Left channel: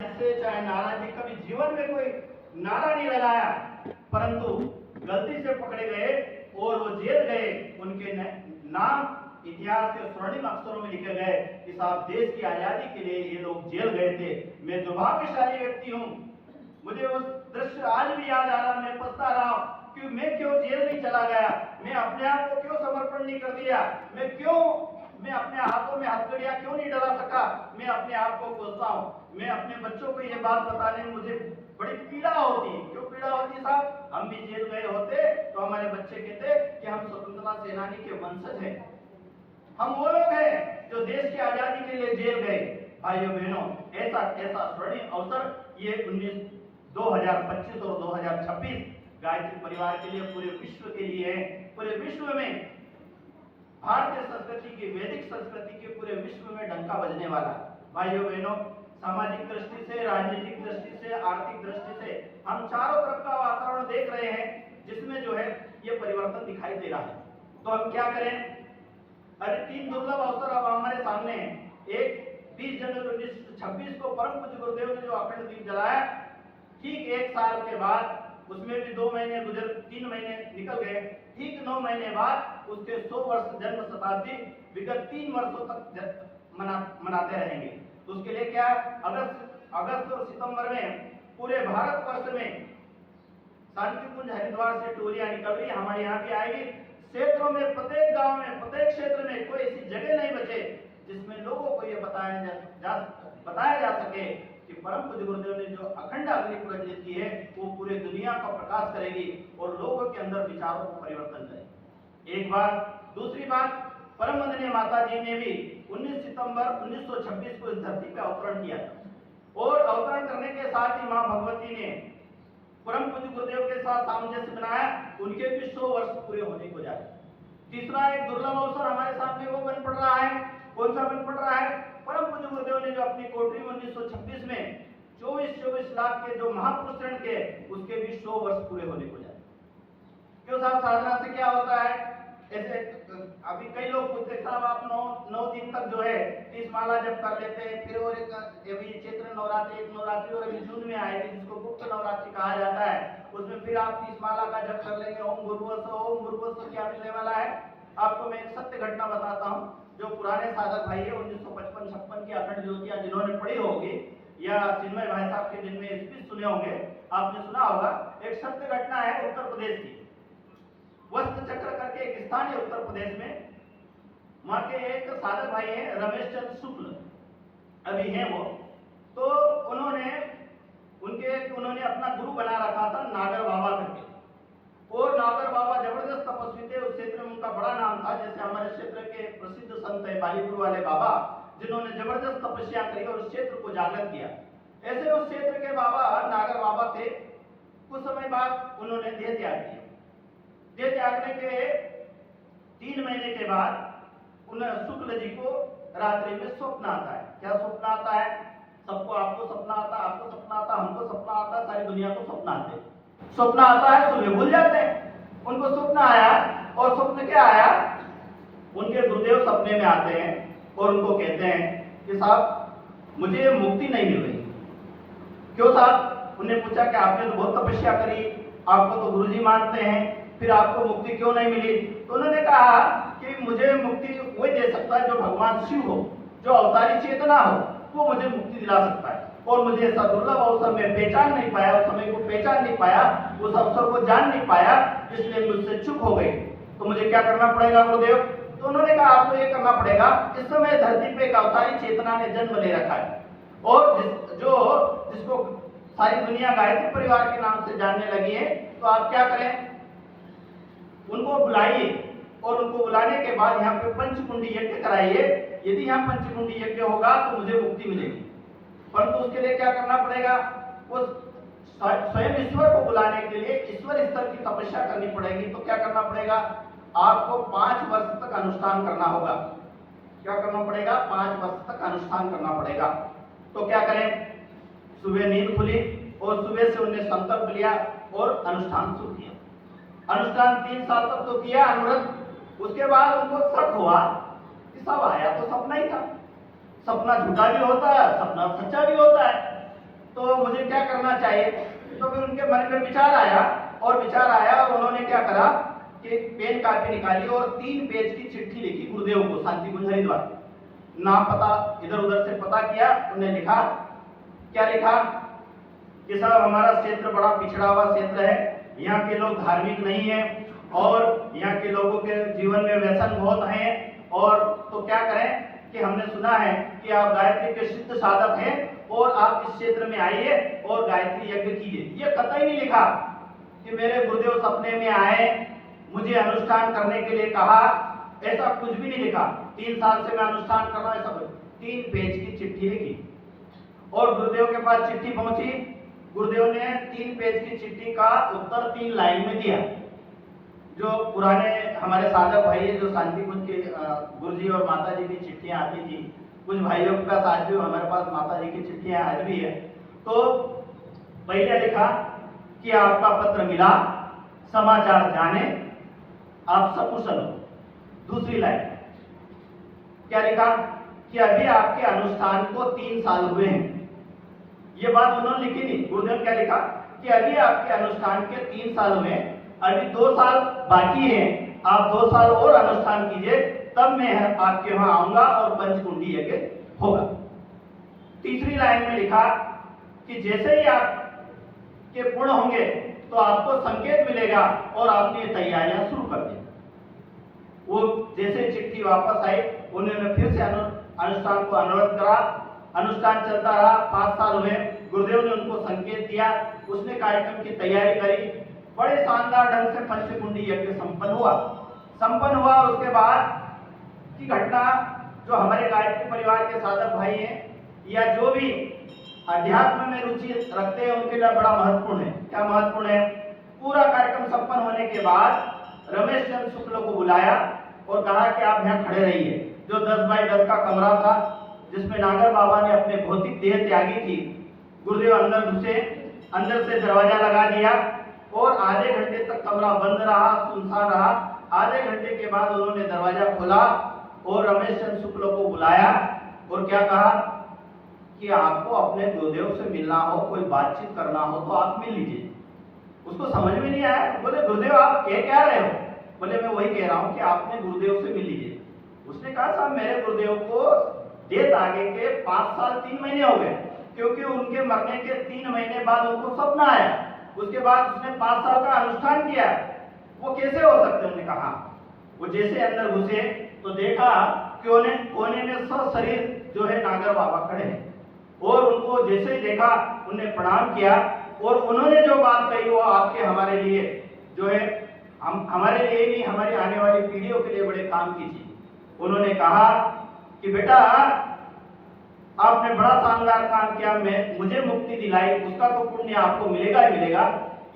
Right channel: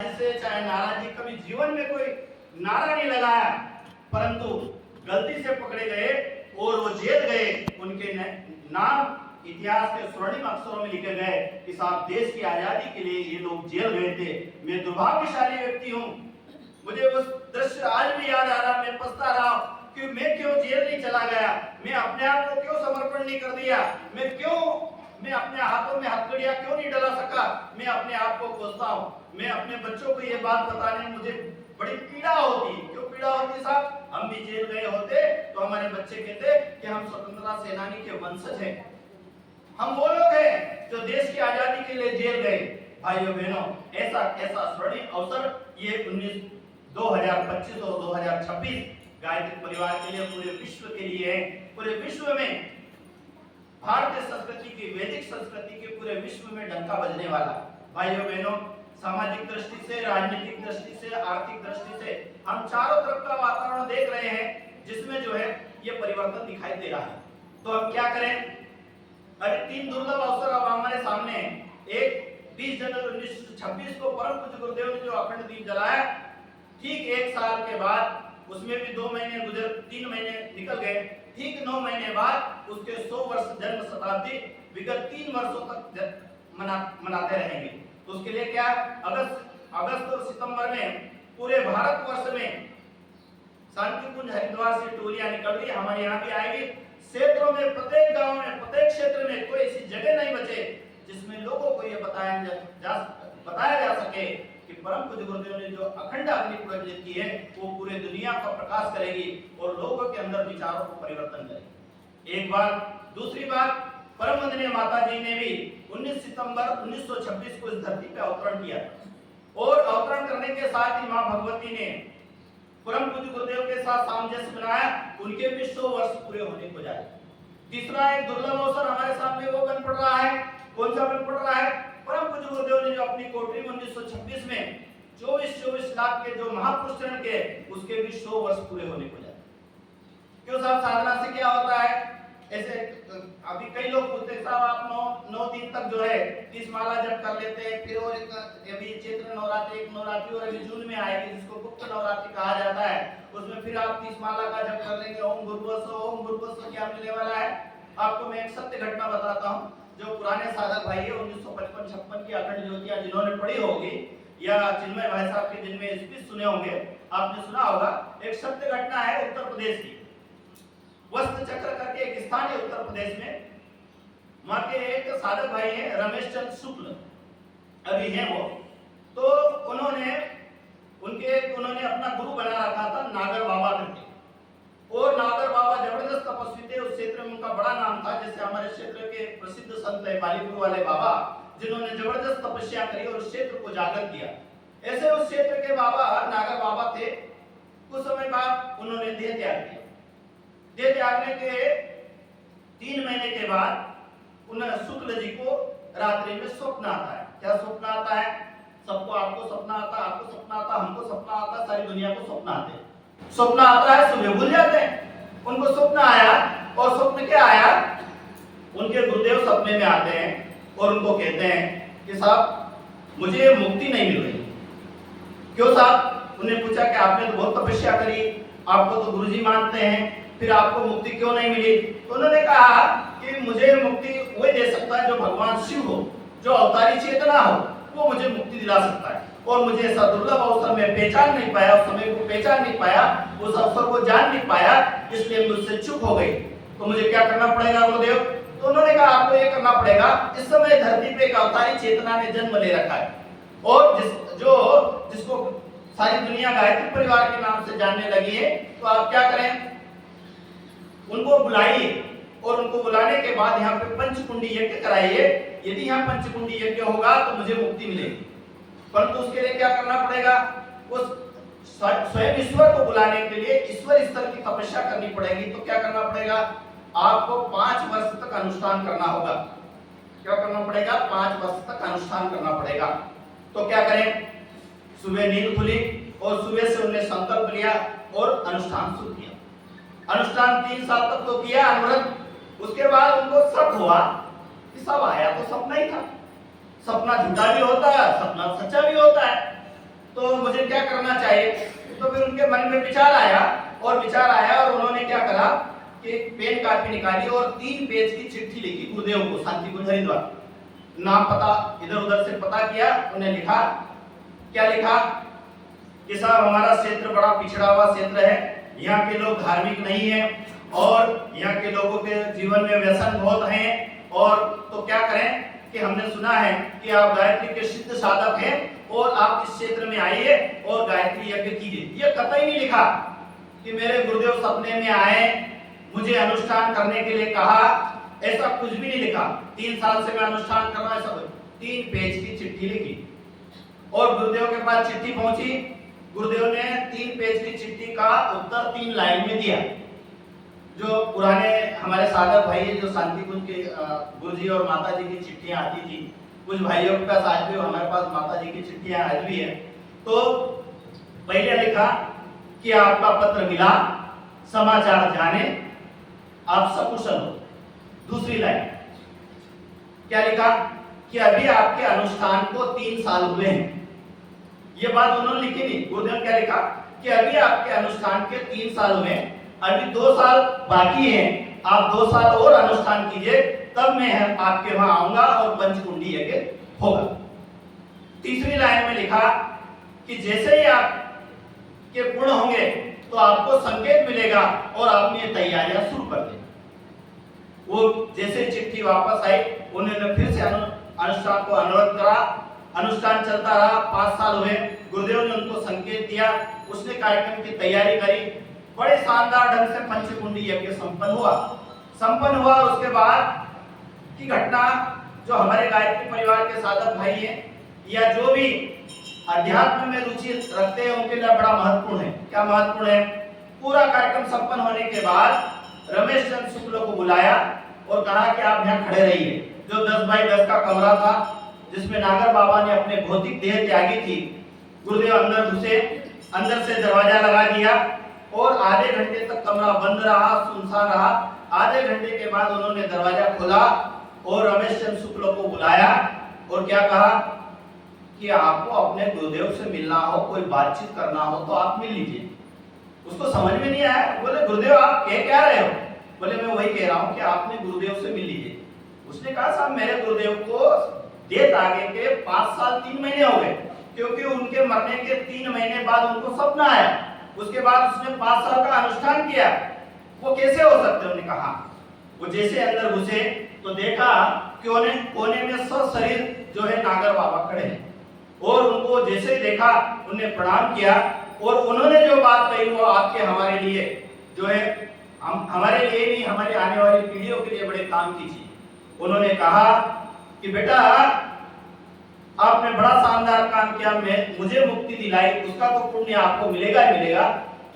से चाहे नाराजगी, कभी जीवन में कोई नारा नहीं लगाया, परंतु गलती से पकड़े गए और वो जेल गए। उनके नाम इतिहास के स्वर्णिम अक्षरों में लिखे गए कि साहब देश की आजादी के लिए ये लोग जेल गए थे। मैं दुर्भाग्यशाली व्यक्ति हूँ, मुझे वो दृश्य आज भी याद आ रहा। मैं पछता रहा कि मैं क्यों जेल नहीं चला गया, मैं अपने आप को क्यों समर्पण नहीं कर दिया, मैं अपने हाथों में हथकड़ियां क्यों नहीं डला सका। मैं अपने आप को कोसता हूँ। मैं अपने बच्चों को ये बात बताने में मुझे बड़ी पीड़ा होती। क्यों पीड़ा होती साहब? हम भी जेल गए होते तो हमारे बच्चे कहते कि हम स्वतंत्रता सेनानी के वंशज हैं, हम वो लोग हैं जो देश की आजादी के लिए जेल गए। भाइयों बहनों, ऐसा स्वर्णिम अवसर ये 2025 और 2026 गायत्री परिवार के लिए, पूरे विश्व के लिए है। पूरे विश्व में भारतीय संस्कृति की, वैदिक संस्कृति के पूरे विश्व में डंका बजने वाला। भाइयों बहनों, सामाजिक दृष्टि से, राजनीतिक दृष्टि से, आर्थिक दृष्टि से हम चारों तरफ का वातावरण देख रहे हैं जिसमें जो है ये परिवर्तन दिखाई दे रहा है। तो हम क्या करें? अरे 3 दुर्लभ अवसर अब हमारे सामने हैं। एक 20 जनवरी 1926 को परम पूज्य गुरुदेव ने जो अखंड दीप जलाया, ठीक 1 साल के बाद, उसमें भी 2 महीने गुजर, 3 महीने निकल गए, ठीक 9 महीने बाद उसके 100 वर्ष जन्म शताब्दी विगत 3 वर्षों तक मनाते रहेंगे। तो उसके लिए क्या, अगस्त और सितंबर में पूरे भारतवर्ष में शांति कुंज हरिद्वार से टोलियां निकल रही, हमारे यहाँ भी आएगी। क्षेत्रों में, प्रत्येक गांव में, प्रत्येक क्षेत्र में कोई ऐसी जगह नहीं बचे जिसमें लोगों को ये बताया जा सके कि परम पूज्य गुरुदेव ने जो अखंड अग्नि प्रज्वलित की है वो पूरे दुनिया का प्रकाश करेगी और लोगों के अंदर विचारों को परिवर्तन करेगी। एक बात। दूसरी बात, परम वंदनीय माता जी ने भी 19 सितंबर 1926 को इस धरती पर अवतरण किया और अवतरण करने के साथ ही मां भगवती ने परम पूज्य गुरुदेव के साथ सामंजस्य बनाया। उनके भी 100 वर्ष पूरे होने को जाए। तीसरा एक दुर्लभ अवसर हमारे सामने वो बन पड़ रहा है। कौन सा बन पड़ रहा है? परम पूज्य गुरुदेव ने जो अपनी कोठरी में 1926 में 24 लाख के जो महापुरुष ऋण के, उसके भी 100 वर्ष पूरे होने को जाए। क्यों साहब? साधना से क्या होता है? ऐसे अभी कई लोग पूछते हैं साहब आप 9 दिन तक जो है 30 माला जप कर लेते हैं, फिर और अभी चैत्र नवरात्रि, एक नवरात्रि और अभी जून में आएगी जिसको गुप्त नवरात्रि कहा जाता है, उसमें फिर आप 30 माला का जप कर लेंगे। ओम गुरुवत्स क्या मिलने वाला है? आपको मैं एक सत्य घटना बताता हूँ। जो पुराने साधक भाई है 1955-56 की अखंड ज्योतियां जिन्होंने पढ़ी होगी या चिन्मय भाई साहब के दिन में स्पीच सुने होंगे, आपने सुना होगा। एक सत्य घटना है उत्तर प्रदेश की, वस्त्र चक्र करके एक स्थान है उत्तर प्रदेश में। वहां के एक साधक भाई हैं रमेश चंद्र शुक्ल, अभी हैं वो। तो उन्होंने अपना गुरु बना रखा था नागर बाबा करके, और नागर बाबा जबरदस्त तपस्वी थे। उस क्षेत्र में उनका बड़ा नाम था। जैसे हमारे क्षेत्र के प्रसिद्ध संत है बालीपुर वाले बाबा, जिन्होंने जबरदस्त तपस्या करी और उस क्षेत्र को जागृत किया। ऐसे उस क्षेत्र के बाबा नागर बाबा थे। कुछ समय बाद उन्होंने देह त्याग किया। देह त्यागने के 3 महीने के बाद उन्हें शुक्ल जी को रात्रि में स्वप्न आता है। क्या स्वप्न आता है? सबको, आपको सपना आता, आपको सपना आता, हमको सपना आता, सारी दुनिया को सपना आते हैं। स्वप्न आता है, सुबह भूल जाते हैं। उनको स्वप्न आया, और स्वप्न क्या आया? उनके गुरुदेव सपने में आते हैं और उनको कहते हैं कि साहब मुझे मुक्ति नहीं मिल रही। क्यों साहब? उन्हें पूछा कि आपने तो बहुत तपस्या करी, आपको तो गुरुजी मानते हैं, फिर आपको मुक्ति क्यों नहीं मिली? तो उन्होंने कहा कि मुझे मुक्ति वही दे सकता है जो भगवान शिव हो, जो अवतारी चेतना हो, वो मुझे मुक्ति दिला सकता है। और मुझे ऐसा दुर्लभ अवसर में पहचान नहीं पाया, उस समय को पहचान नहीं पाया, उस अवसर को जान नहीं पाया, इसलिए मुझसे चुप हो गई। तो मुझे क्या करना पड़ेगा गुरुदेव? तो उन्होंने कहा आपको ये करना पड़ेगा, इस समय धरती पे एक अवतारी चेतना ने जन्म ले रखा है, और जिसको सारी दुनिया गायत्री परिवार के नाम से जानने लगी है। तो आप क्या करें? उनको बुलाइए, और उनको बुलाने के बाद यहाँ पे पंचकुंडी यज्ञ कराइए। यदि यहाँ पंचकुंडी यज्ञ होगा तो मुझे मुक्ति मिलेगी। परंतु उसके लिए क्या करना पड़ेगा? उस स्वयं ईश्वर को बुलाने के लिए ईश्वर स्तर की तपस्या करनी पड़ेगी। तो क्या करना पड़ेगा? आपको 5 वर्ष तक अनुष्ठान करना होगा। क्या करना पड़ेगा? 5 वर्ष तक अनुष्ठान करना पड़ेगा। तो क्या करें? सुबह नींद खुली और सुबह से उन्हें संकल्प लिया और अनुष्ठान शुरू किया। अनुष्ठान 3 साल तक तो किया अनुव्रत। उसके बाद उनको शक हुआ कि सब आया तो सपना ही था। सपना झूठा भी होता है, सपना सच्चा भी होता है। तो मुझे क्या करना चाहिए। तो फिर उनके मन में विचार आया और उन्होंने क्या करा कि पेन कापी निकाली और 3 पेज की चिट्ठी लिखी गुरुदेव को, शांति कुंज हरिद्वार। नाम पता इधर उधर से पता किया, उन्हें लिखा, क्या लिखा कि साहब हमारा क्षेत्र बड़ा पिछड़ा हुआ क्षेत्र है, यहाँ के लोग धार्मिक नहीं है और यहाँ के लोगों के जीवन में व्यसन बहुत हैं, और तो क्या करें कि हमने सुना है कि आप गायत्री के सिद्ध साधक हैं और आप इस क्षेत्र में आइए और गायत्री यज्ञ कीजिए। ये कतई नहीं लिखा कि मेरे गुरुदेव सपने में आए, मुझे अनुष्ठान करने के लिए कहा, ऐसा कुछ भी नहीं लिखा। 3 साल से मैं अनुष्ठान कर रहा हूं, ऐसा 3 पेज की चिट्ठी लिखी और गुरुदेव के पास चिट्ठी पहुंची। गुरुदेव ने 3 पेज की चिट्ठी का उत्तर 3 लाइन में दिया। जो पुराने हमारे साधक भाई जो शांति कुंज के गुरुजी और माता जी की चिट्ठियां आती थी, कुछ भाइयों का साथ भी हमारे पास माता जी की चिट्ठियां आज भी है। तो पहले लिखा कि आपका पत्र मिला, समाचार जाने, आप सकुशल हो। दूसरी लाइन क्या लिखा कि अभी आपके अनुष्ठान को 3 साल हुए हैं। ये बात उन्होंने लिखी नहीं, गुरुदेव क्या लिखा कि अभी आपके अनुष्ठान के 3 साल हुए, अभी 2 साल बाकी हैं, आप 2 साल और अनुष्ठान कीजिए, तब मैं आपके वहां आऊंगा और पंचकुंडी यज्ञ होगा। तीसरी लाइन में लिखा कि जैसे ही आप के पूर्ण होंगे तो आपको संकेत मिलेगा और आपने तैयारियां शुरू कर दी। वो जैसे चिट्ठी वापस आई, उन्होंने फिर से अनुष्ठान को अनुरोध करा। अनुष्ठान चलता रहा, 5 साल हुए। गुरुदेव ने उनको संकेत दिया, उसने कार्यक्रम की तैयारी करी, बड़े शानदार ढंग से पंचकुंडी यज्ञ संपन्न हुआ। उसके बाद की घटना जो हमारे गायत्री परिवार के साधक भाई हैं या जो भी अध्यात्म में रुचि रखते हैं उनके लिए बड़ा महत्वपूर्ण है। क्या महत्वपूर्ण है? पूरा कार्यक्रम संपन्न होने के बाद रमेश चंद्र शुक्ल को बुलाया और कहा कि आप यहाँ खड़े रहिए। जो 10 बाई 10 का कमरा था जिसमें नागर बाबा ने अपने भौतिक देह त्यागी थी, गुरुदेव अंदर घुसे, अंदर से दरवाजा लगा दिया और आधे घंटे तक कमरा बंद रहा, सुनसान रहा। आधे घंटे के बाद उन्होंने दरवाजा खोला और रमेश चंद्र शुक्ल को बुलाया और क्या कहा कि आपको अपने गुरुदेव से मिलना हो, कोई बातचीत करना हो तो आप मिल लीजिए। उसको समझ में नहीं आया, बोले गुरुदेव आप कह क्या रहे हो? बोले मैं वही कह रहा हूँ कि आपने गुरुदेव से मिल लीजिए। उसने कहा साहब मेरे गुरुदेव को डेथ आगे के 5 साल 3 महीने हो गए, क्योंकि उनके मरने के 3 महीने बाद उनको सपना आया, उसके बाद उसने 5 साल का अनुष्ठान किया, वो कैसे हो सकते? उन्होंने कहा। वो जैसे अंदर घुसे तो देखा कि उन्हें कोने में सशरीर जो है नागर बाबा खड़े हैं और उनको जैसे ही देखा उन्हें प्रणाम किया और उन्होंने जो बात कही वो आपके हमारे लिए जो है हमारे लिए नहीं, हमारे आने वाली पीढ़ियों के लिए बड़े काम की थी। उन्होंने कहा कि बेटा आपने बड़ा शानदार काम किया, मुझे मुक्ति दिलाई, उसका तो पुण्य आपको मिलेगा ही मिलेगा।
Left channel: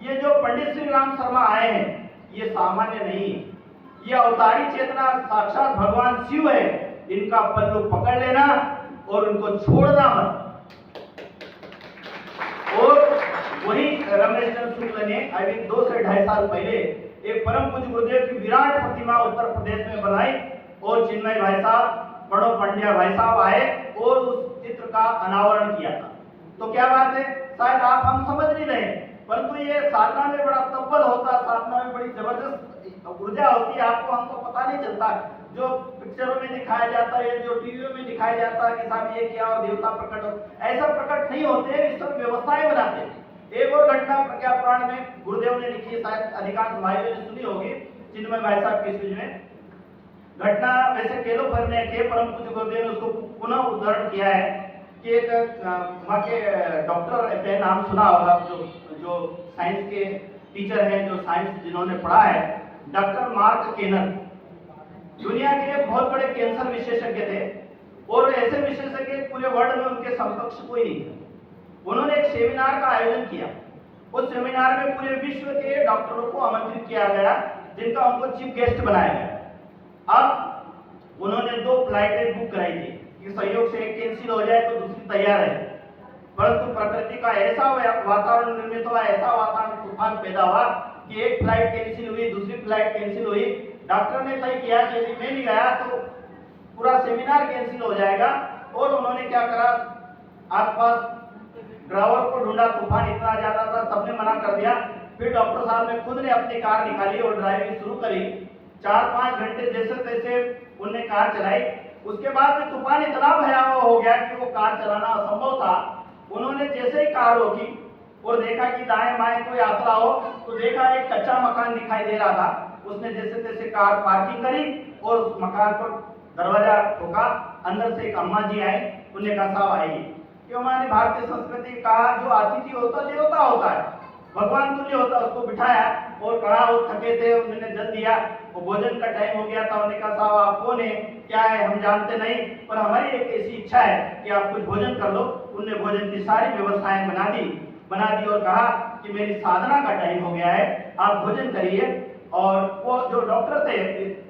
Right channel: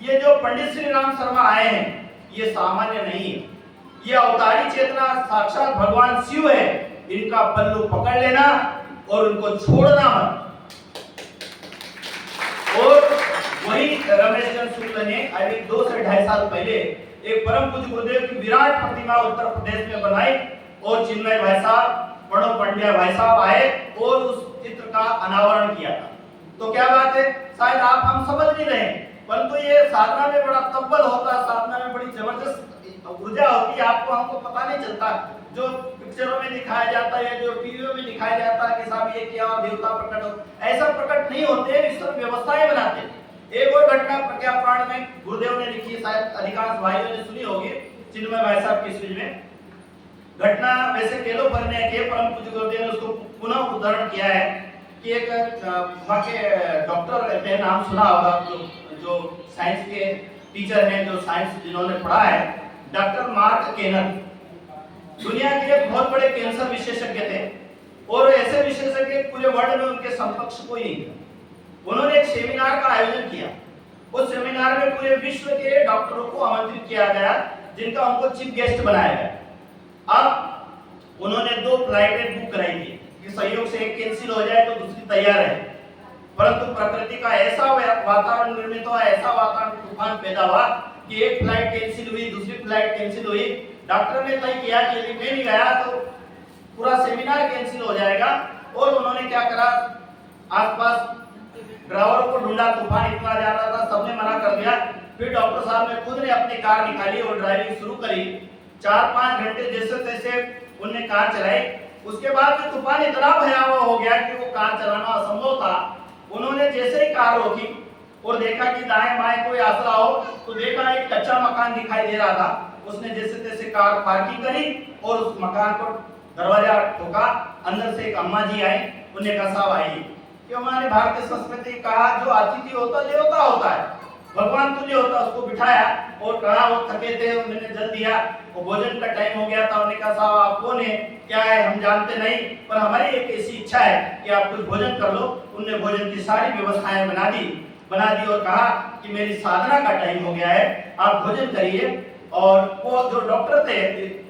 ये जो पंडित श्री राम शर्मा आए हैं ये सामान्य नहीं है, ये अवतारी चेतना साक्षात भगवान शिव है। इनका पल्लू पकड़ लेना और उनको छोड़ना मत। और वही रमेश चंद्र शुक्ल ने अभी 2 से 2.5 साल पहले एक परम पूज्य गुरुदेव की विराट प्रतिमा उत्तर प्रदेश में बनाई और चिन्मय भाई साहब, प्रणव पंड्या भाई साहब आए और उस चित्र का अनावरण किया था। तो क्या बात है, शायद आप हम समझ नहीं रहे, परंतु ये साधना में बड़ा तब्बल होता है, साधना में बड़ी जबरदस्त ऊर्जा होती है, आपको हमको पता नहीं चलता। जो पिक्चरों में दिखाया जाता है, जो टीवियों में दिखाया जाता है कि साहब ये क्या और देवता प्रकट हो, ऐसा प्रकट नहीं होते हैं, ईश्वर व्यवस्थाएं बनाते हैं। एक और घटना प्रज्ञा पुराण में गुरुदेव ने लिखी है, शायद अधिकांश भाइयों ने सुनी होगी, चिन्मय भाई साहब की स्पीच में। घटना वैसे केलो पर ने के परम पूज्य गुरुदेव ने उसको पुनः उदाहरण किया है कि एक वहाँ के डॉक्टर के नाम सुना होगा, जो साइंस के टीचर हैं, जो साइंस जिन्होंने पढ़ा है, डॉक्टर मार्क केनर दुनिया के एक बहुत बड़े कैंसर विशेषज्ञ थे और ऐसे विशेषज्ञ पूरे वर्ल्ड में उनके समकक्ष कोई नहीं था। उन्होंने एक सेमिनार का आयोजन किया। उस सेमिनार में पूरे विश्व के डॉक्टरों को आमंत्रित किया गया, जिनका उनको चीफ गेस्ट बनाया गया। अब उन्होंने 2 फ्लाइटें बुक कराई थी कि सहयोग से एक कैंसिल हो जाए तो दूसरी तैयार है, परंतु प्रकृति का ऐसा वातावरण निर्मित हुआ, ऐसा वातावरण तूफान पैदा हुआ कि एक फ्लाइट कैंसिल हुई, दूसरी फ्लाइट कैंसिल हुई। डॉक्टर ने तय किया कि यदि मैं नहीं गया तो पूरा सेमिनार कैंसिल हो जाएगा। और उन्होंने क्या करा, आसपास ड्राइवरों को ढूंढा, तूफान इतना ज्यादा था, सबने मना कर दिया। फिर डॉक्टर साहब ने खुद ने अपनी कार निकाली और ड्राइविंग शुरू करी। 4-5 घंटे जैसे तैसे उनने कार चलाई। उसके बाद में तूफान इतना भयावह हो गया कि वो कार चलाना असंभव था। उन्होंने जैसे ही कार रोकी और देखा कि दाएं बाएं कोई आसरा हो, तो देखा एक कच्चा मकान दिखाई दे रहा था। उसने जैसे तैसे कार पार्किंग करी और उस मकान पर दरवाजा ठोका। अंदर से एक अम्मा जी आई। उन्होंने कहा साहब आइए, कि हमारे भारतीय संस्कृति कहा जो अतिथि होता देवता होता है, भगवान तुल्य होता। उसको बिठाया और कहा, वो थके थे, उन्होंने जल दिया, वो भोजन का टाइम हो गया था। उन्होंने कहा साहब आप कौन है, क्या है, हम जानते नहीं, पर हमारी एक ऐसी इच्छा है कि आप कुछ भोजन कर लो। उनने भोजन की सारी व्यवस्थाएं बना दी और कहा कि मेरी साधना का टाइम हो गया है, आप भोजन करिए। और वो जो डॉक्टर थे,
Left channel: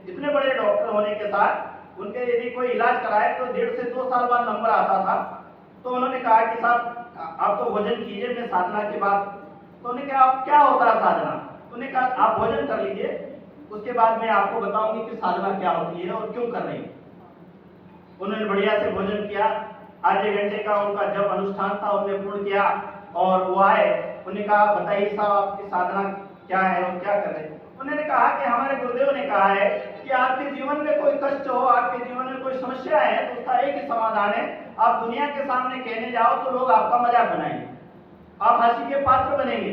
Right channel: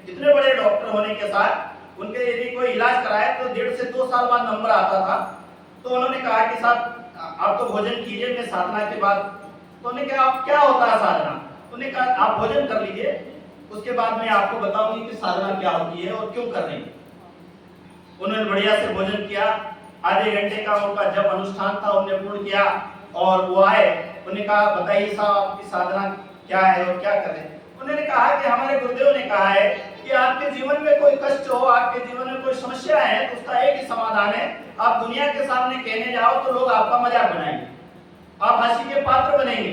इतने बड़े डॉक्टर होने के साथ उनके यदि कोई इलाज कराए तो 1.5 से 2 साल बाद नंबर आता था। तो उन्होंने कहा कि साहब आप तो भोजन कीजिए, मैं साधना के बाद। तो उन्होंने कहा आप क्या होता है साधना? उन्होंने कहा आप भोजन कर लीजिए, उसके बाद मैं आपको बताऊंगी कि साधना क्या होती है और क्यों कर रही है। उन्होंने बढ़िया से भोजन किया। आधे घंटे का उनका जब अनुष्ठान था उन्होंने पूर्ण किया और वो आए। उन्होंने कहा बताइए साहब आपकी साधना क्या है और क्या कर रहे हैं? उन्होंने कहा कि हमारे गुरुदेव ने कहा है कि आपके जीवन में कोई कष्ट हो, आपके जीवन में कोई समस्या है, तो उसका एक ही समाधान है, आप दुनिया के सामने कहने जाओ तो लोग आपका मजाक बनाएंगे, आप हंसी के पात्र बनेंगे,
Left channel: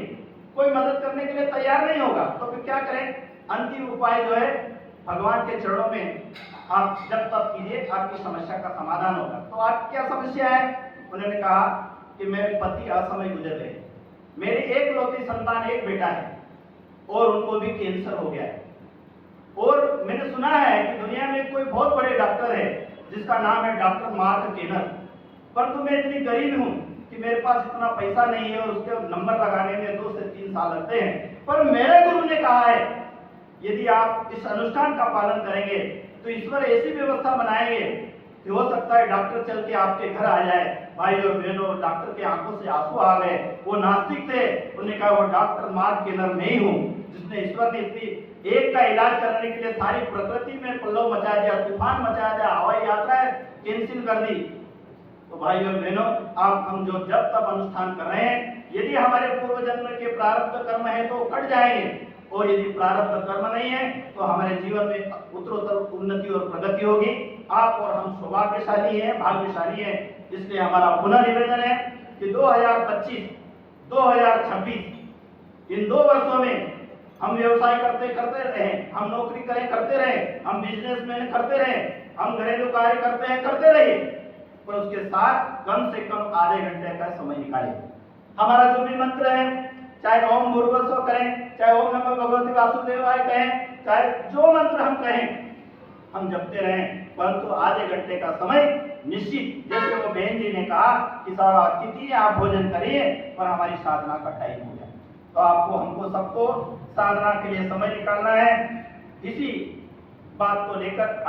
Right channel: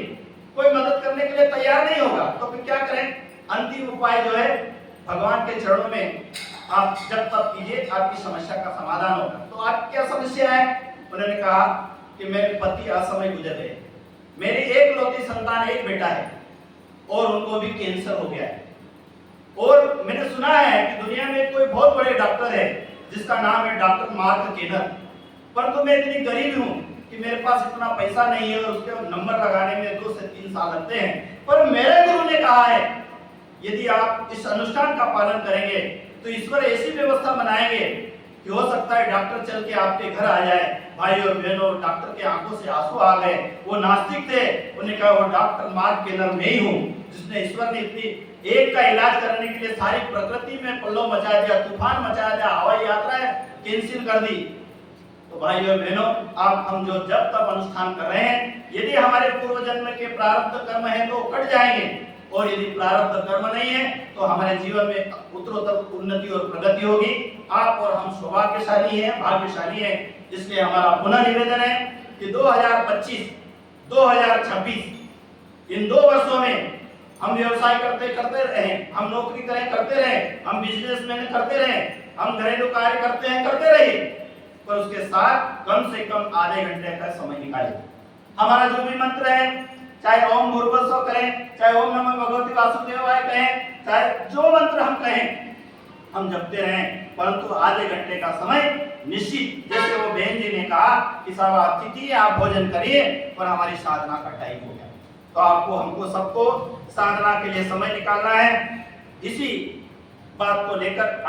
कोई मदद करने के लिए तैयार नहीं होगा। तो फिर क्या करें? अंतिम उपाय जो है भगवान के चरणों में आप जब तब कीजिए, आपकी समस्या का समाधान होगा। तो आप क्या समस्या है? उन्होंने कहा कि मेरे पति असमय गुजर गए, मेरी एकलौती संतान, एक बेटा है और उनको भी कैंसर हो गया है। और मैंने सुना है कि दुनिया में कोई बहुत बड़े डॉक्टर है जिसका नाम है डॉक्टर मार्क केनर, परंतु मैं इतनी गरीब हूं कि मेरे पास इतना पैसा नहीं है और उसके नंबर लगाने में 2 से 3 साल लगते हैं। पर मेरे गुरु ने कहा है यदि आप इस अनुष्ठान का पालन करेंगे तो ईश्वर ऐसी व्यवस्था बनाएंगे कि हो सकता है डॉक्टर चल के आपके घर आ जाए। भाई और बहनों, डॉक्टर के आंखों से आंसू आ गए। वो नास्तिक थे, उन्होंने कहा वो डॉक्टर मार्क केनर मैं ही हूँ जिसने ईश्वर ने इतनी एक का इलाज करने के लिए सारी प्रकृति में पल्लव मचा दिया, तूफान मचा दिया, हवाई यात्राएं कैंसिल कर दी। तो भाई और बहनों, आप हम जो जब तक अनुष्ठान कर रहे हैं, यदि हमारे पूर्व जन्म के प्रारब्ध कर्म है तो कट जाएंगे, और यदि प्रारब्ध कर्म नहीं है तो हमारे जीवन में उत्तरोत्तर उन्नति और प्रगति होगी। आप और हम सौभाग्यशाली हैं, भाग्यशाली हैं। इसलिए हमारा पुनः निवेदन है कि 2025, 2026 इन 2 वर्षों में हम व्यवसाय करते रहे, हम नौकरी करते रहे, हम बिजनेसमैन करते रहे, हम घरेलू कार्य करते रहे, पर उसके साथ कम से कम आधे घंटे का समय निकालें। हमारा जो भी मंत्र है, चाहे ओम भूर्भुवस्सुवः कहें, चाहे ओम नमः भगवते वासुदेवाय कहें, चाहे जो मंत्र हम कहें, हम जपते रहें, परंतु आधे घंटे का समय निश्चित, जैसे वो बहन जी ने कहा कि साहब अतिथि आप भोजन करिए, पर हमारी साधना का टाइम हो गया। तो आपको हमको सबको साधना के लिए समय निकालना है। इसी बात को लेकर